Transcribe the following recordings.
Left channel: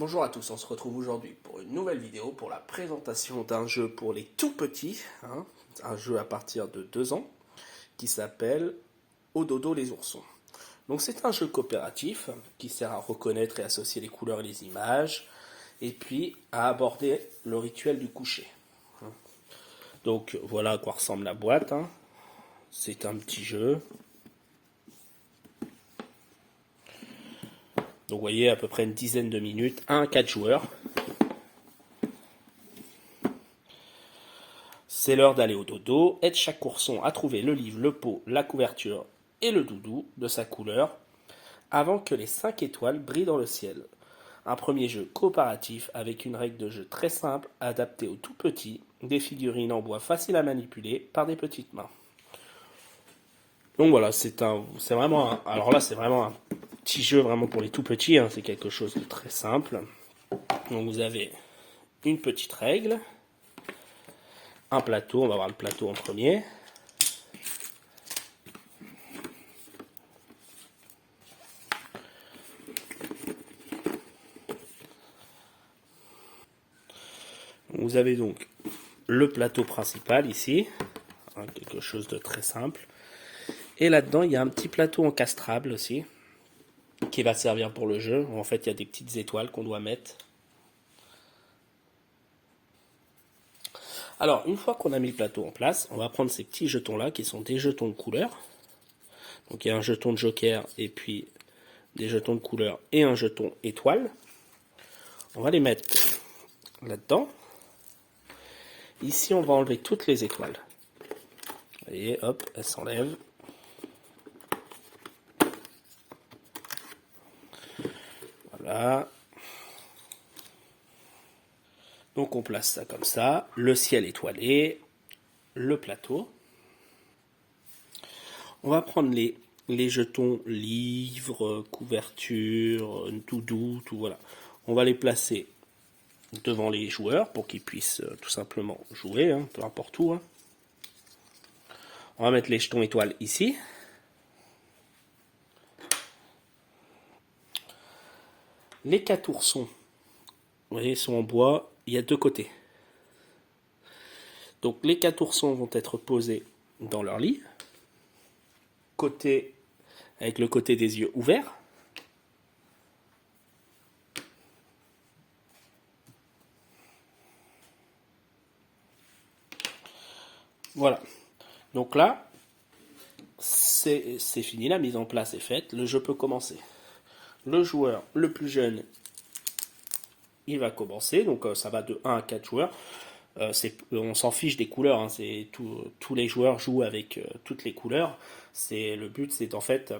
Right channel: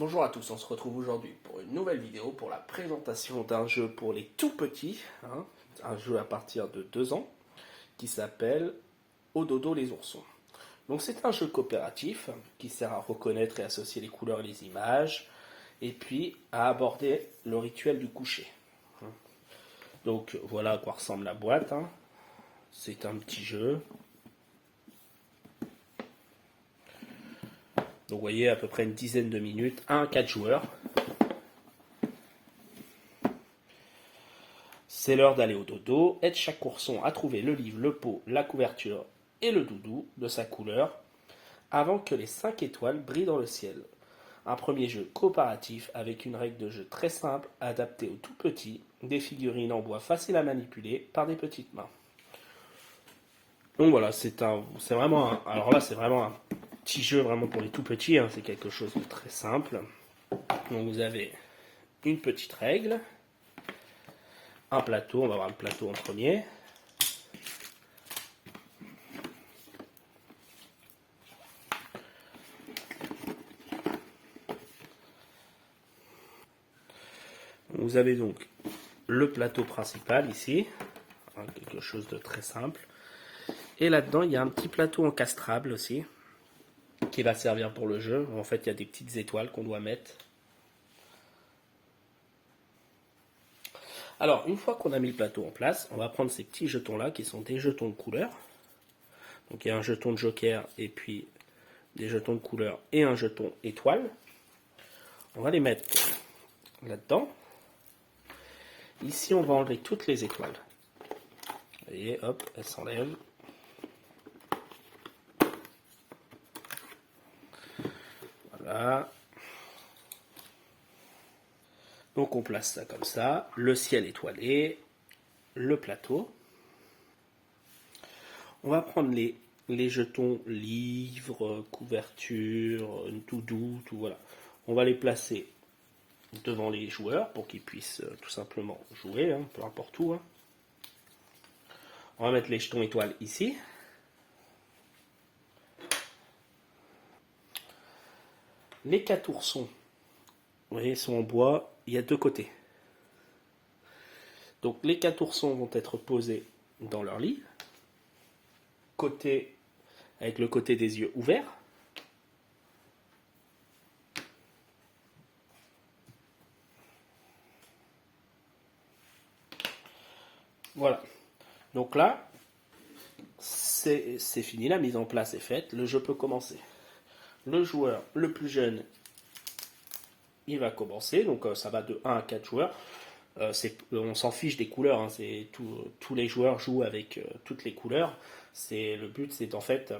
Bonjour à tous, on se retrouve aujourd'hui pour une nouvelle vidéo pour la présentation d'un jeu pour les tout petits, un jeu à partir de 2 ans qui s'appelle Au dodo les oursons. Donc c'est un jeu coopératif qui sert à reconnaître et associer les couleurs et les images et puis à aborder le rituel du coucher. Donc voilà à quoi ressemble la boîte. C'est un petit jeu. Donc vous voyez à peu près une dizaine de minutes, 1 à 4 joueurs. C'est l'heure d'aller au dodo. Aide chaque ourson à trouver le livre, le pot, la couverture et le doudou de sa couleur avant que les 5 étoiles brillent dans le ciel. Un premier jeu coopératif avec une règle de jeu très simple, adaptée aux tout petits, des figurines en bois faciles à manipuler par des petites mains. Donc voilà, c'est vraiment un petit jeu vraiment pour les tout petits, c'est quelque chose de très simple. Donc vous avez une petite règle, un plateau, on va voir le plateau en premier. Vous avez donc le plateau principal ici, quelque chose de très simple. Et là-dedans, il y a un petit plateau encastrable aussi, qui va servir pour le jeu. En fait, il y a des petites étoiles qu'on doit mettre. Alors, une fois qu'on a mis le plateau en place, on va prendre ces petits jetons-là, qui sont des jetons de couleur. Donc, il y a un jeton de joker, et puis des jetons de couleur, et un jeton étoile. On va les mettre là-dedans. Ici, on va enlever toutes les étoiles. Vous voyez, hop, elles s'enlèvent. Voilà. Donc on place ça comme ça, le ciel étoilé, le plateau. On va prendre les jetons livres, couverture, doudou, tout voilà. On va les placer devant les joueurs pour qu'ils puissent tout simplement jouer, peu importe où. On va mettre les jetons étoiles ici. Les 4 oursons, vous voyez, sont en bois, il y a 2 côtés. Donc les 4 oursons vont être posés dans leur lit, avec le côté des yeux ouverts. Voilà. Donc là, c'est fini, la mise en place est faite, le jeu peut commencer. Le joueur le plus jeune, il va commencer, donc ça va de 1 à 4 joueurs. On s'en fiche des couleurs, tous les joueurs jouent avec toutes les couleurs. Le but, c'est en fait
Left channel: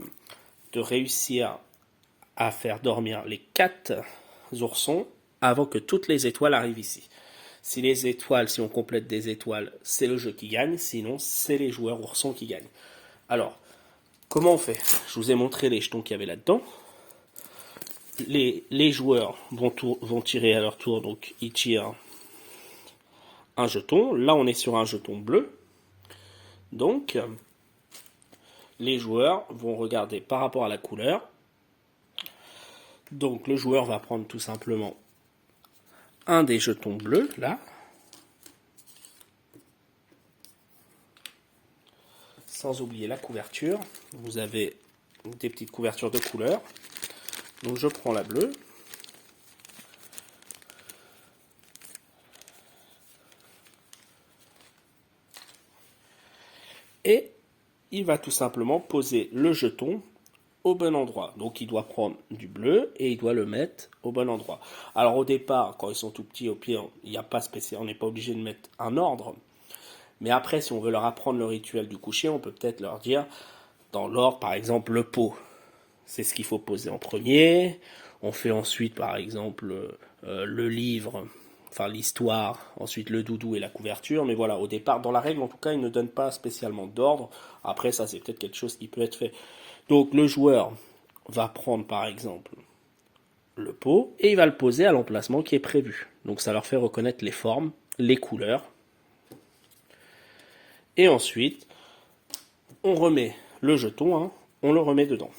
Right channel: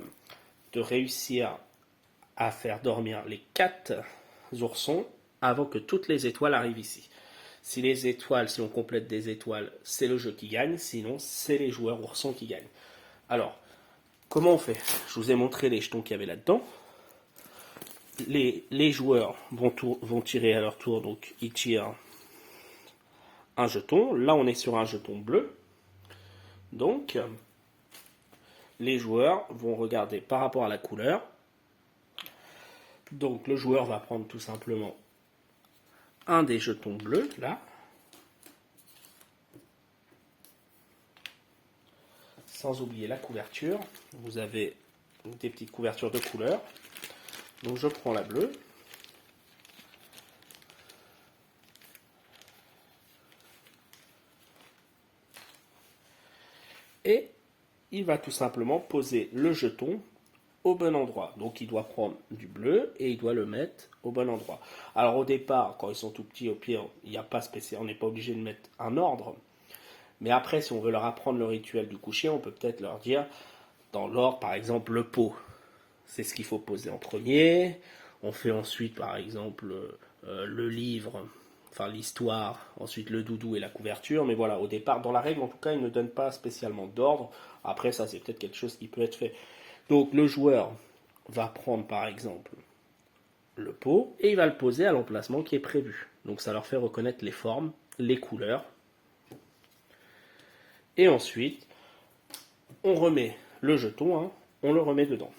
de réussir à faire dormir les 4 oursons avant que toutes les étoiles arrivent ici. Si on complète des étoiles, c'est le jeu qui gagne, sinon c'est les joueurs oursons qui gagnent. Alors, comment on fait? Je vous ai montré les jetons qu'il y avait là-dedans. Les joueurs vont tirer à leur tour, donc ils tirent un jeton. Là, on est sur un jeton bleu. Donc, les joueurs vont regarder par rapport à la couleur. Donc, le joueur va prendre tout simplement un des jetons bleus, là. Sans oublier la couverture. Vous avez des petites couvertures de couleurs. Donc, je prends la bleue. Et il va tout simplement poser le jeton au bon endroit. Donc il doit prendre du bleu et il doit le mettre au bon endroit. Alors au départ, quand ils sont tout petits, au pied, il n'y a pas spécial, on n'est pas obligé de mettre un ordre. Mais après, si on veut leur apprendre le rituel du coucher, on peut peut-être leur dire, dans l'ordre, par exemple, le pot. C'est ce qu'il faut poser en premier. On fait ensuite, par exemple, le livre, enfin l'histoire, ensuite le doudou et la couverture. Mais voilà, au départ, dans la règle, en tout cas, il ne donne pas spécialement d'ordre. Après, ça, c'est peut-être quelque chose qui peut être fait. Donc, le joueur va prendre, par exemple, le pot et il va le poser à l'emplacement qui est prévu. Donc, ça leur fait reconnaître les formes, les couleurs. Et ensuite, on remet le jeton, on le remet dedans.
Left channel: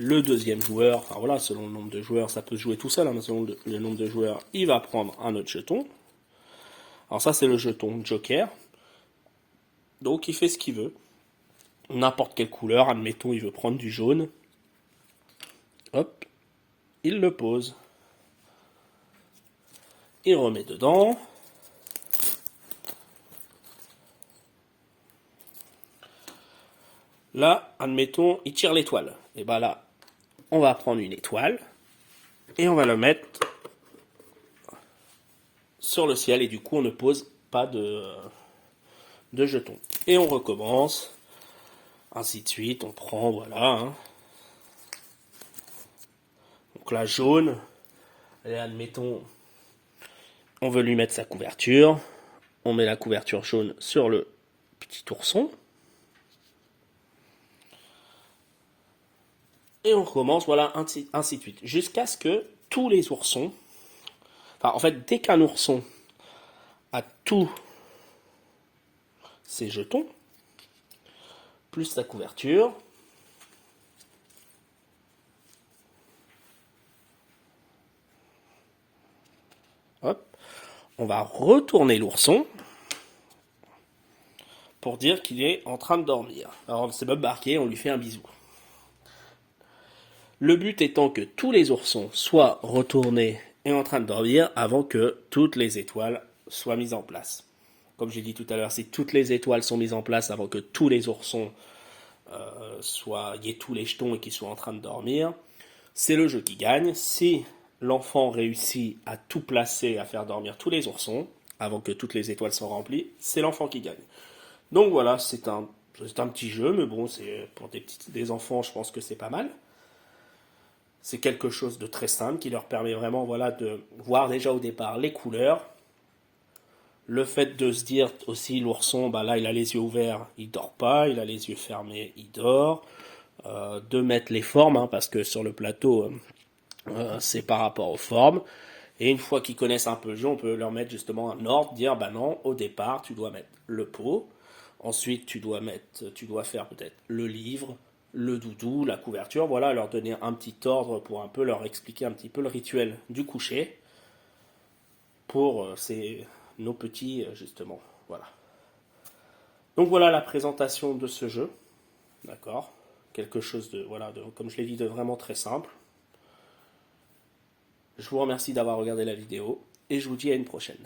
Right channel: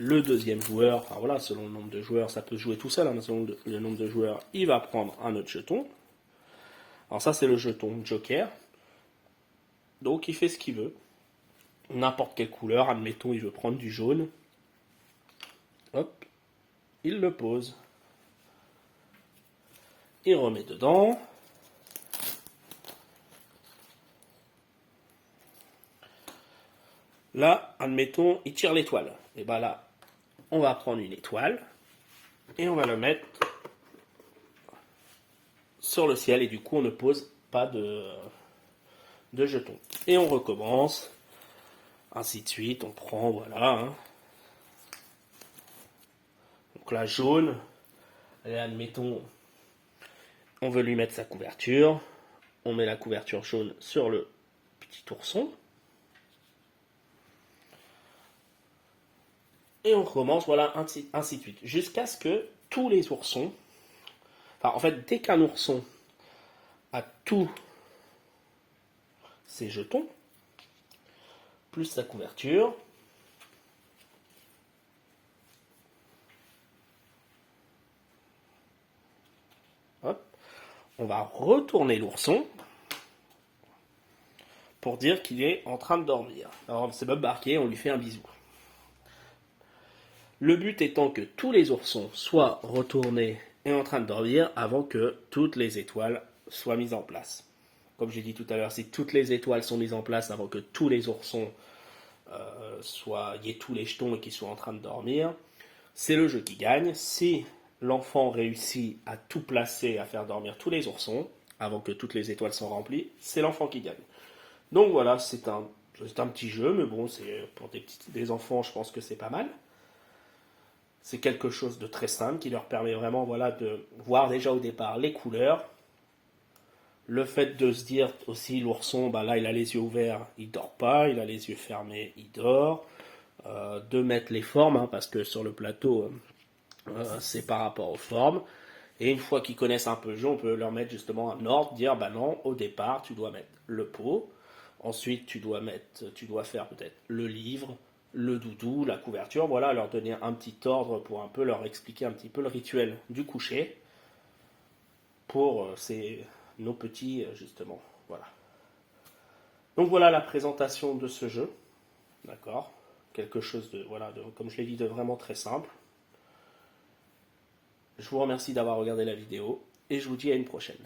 le deuxième joueur, enfin voilà, selon le nombre de joueurs, ça peut se jouer tout seul, hein, mais selon le nombre de joueurs, il va prendre un autre jeton. Alors ça, c'est le jeton Joker. Donc il fait ce qu'il veut. N'importe quelle couleur, admettons, il veut prendre du jaune. Hop, il le pose. Il remet dedans. Là, admettons, il tire l'étoile. Et bien là, on va prendre une étoile et on va le mettre sur le ciel. Et du coup, on ne pose pas de jetons. Et on recommence. Ainsi de suite, on prend, voilà. Hein. Donc là, jaune. Et admettons, on veut lui mettre sa couverture. On met la couverture jaune sur le petit ourson. Et on recommence, voilà, ainsi de suite. Jusqu'à ce que tous les oursons, enfin, en fait, dès qu'un ourson a tous ses jetons, plus sa couverture, hop, on va retourner l'ourson pour dire qu'il est en train de dormir. Alors, c'est Bob Barquet, on lui fait un bisou. Le but étant que tous les oursons soient retournés et en train de dormir avant que toutes les étoiles soient mises en place. Comme j'ai dit tout à l'heure, si toutes les étoiles sont mises en place avant que tous les oursons y ait tous les jetons et qu'ils soient en train de dormir, c'est le jeu qui gagne. Si l'enfant réussit à tout placer, à faire dormir tous les oursons avant que toutes les étoiles soient remplies, c'est l'enfant qui gagne. Donc voilà, c'est un petit jeu, mais bon, c'est pour des enfants, je pense que c'est pas mal. C'est quelque chose de très simple qui leur permet vraiment, voilà, de voir déjà au départ les couleurs. Le fait de se dire aussi, l'ourson, bah là, il a les yeux ouverts, il dort pas. Il a les yeux fermés, il dort. De mettre les formes, hein, parce que sur le plateau, c'est par rapport aux formes. Et une fois qu'ils connaissent un peu le jeu, on peut leur mettre justement un ordre, dire, bah non, au départ, tu dois mettre le pot. Ensuite, tu dois faire peut-être le livre, le doudou, la couverture, voilà, leur donner un petit ordre pour un peu leur expliquer un petit peu le rituel du coucher pour nos petits, justement. Voilà. Donc voilà la présentation de ce jeu. D'accord. Quelque chose de, voilà, comme je l'ai dit, de vraiment très simple. Je vous remercie d'avoir regardé la vidéo et je vous dis à une prochaine.